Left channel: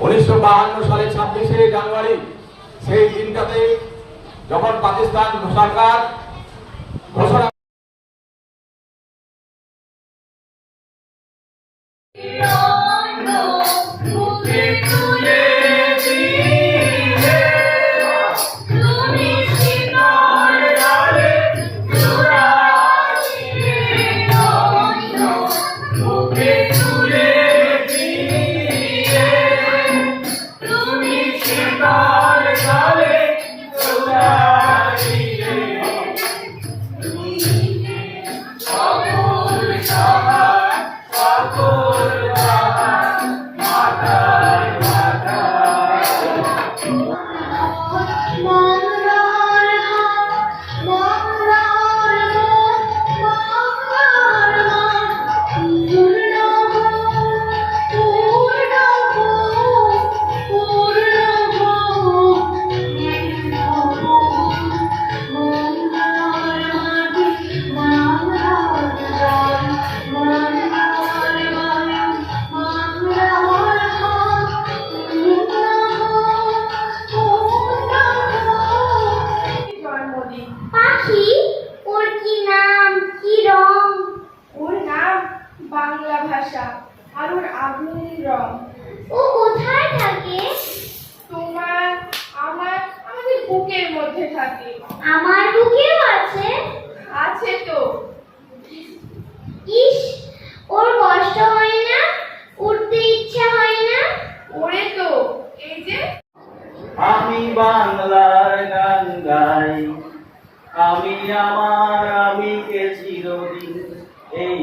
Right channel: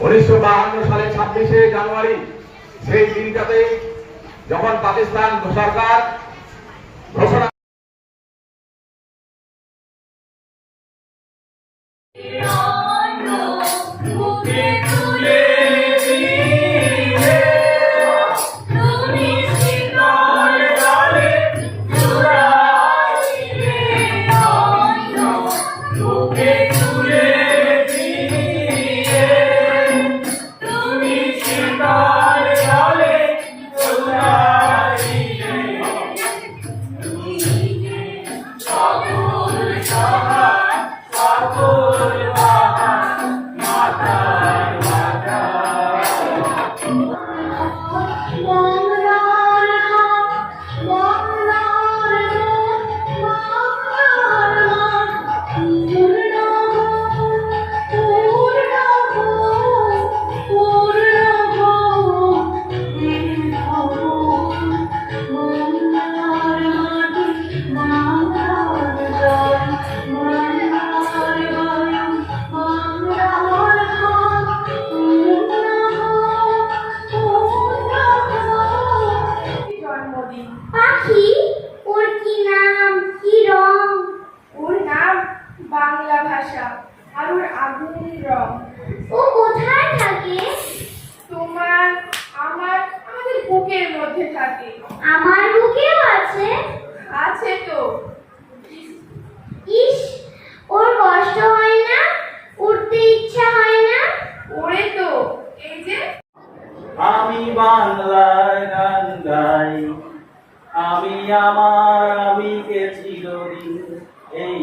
উনিশশো সালে ছাব্বিশে জানুয়ারি সেই দিনটাতে যখন পাকিস্তান সরকার বাংলা ভাষা আর ওর আগুন রং। ও কোথায় থাকে? তোমার আমার আমাদের বুকের মধ্যে থাকে। আমার বুকেও আছে? আছে তো। ইস ওর কষ্ট হয় না? উঠতে ইচ্ছা হয় না? ওরে তো এই যে আমি বাংলার গান গাই আমি আমার আমিকে চিরদিন এই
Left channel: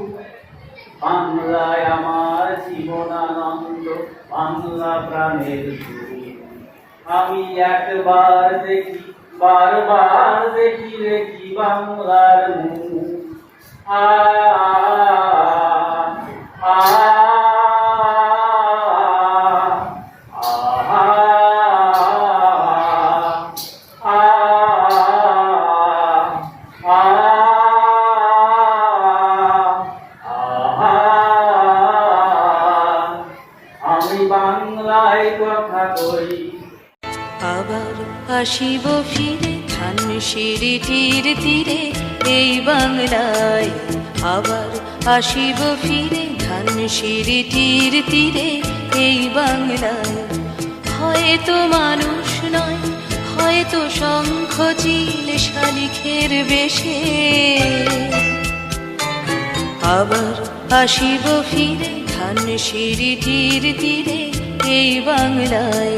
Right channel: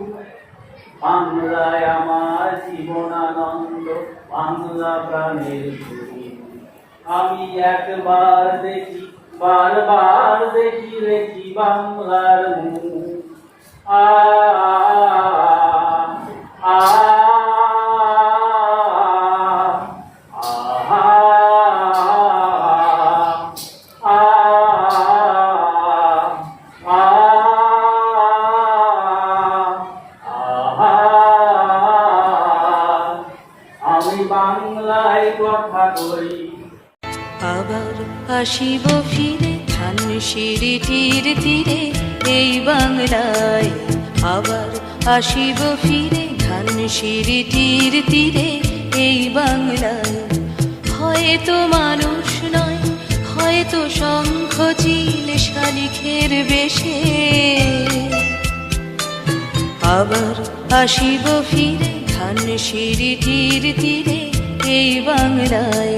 বাংলায় আমার জীবনানন্দ বাংলা প্রাণের আমি একবার দেখি বারবার দেখি দেখি বাংলার মুখ। আ কথা আবার আসিব ফিরে, ধান সিঁড়িটির তীরে এই বাংলায়। আবার আসিব ফিরে, ধান সিঁড়িটির তীরে এই বাংলায়। হয়তো মানুষ নয়, হয়তো শঙ্খ চিল শালিখের বেশে। আবার আসিব ফিরে, ধান সিঁড়িটির তীরে এই বাংলায়।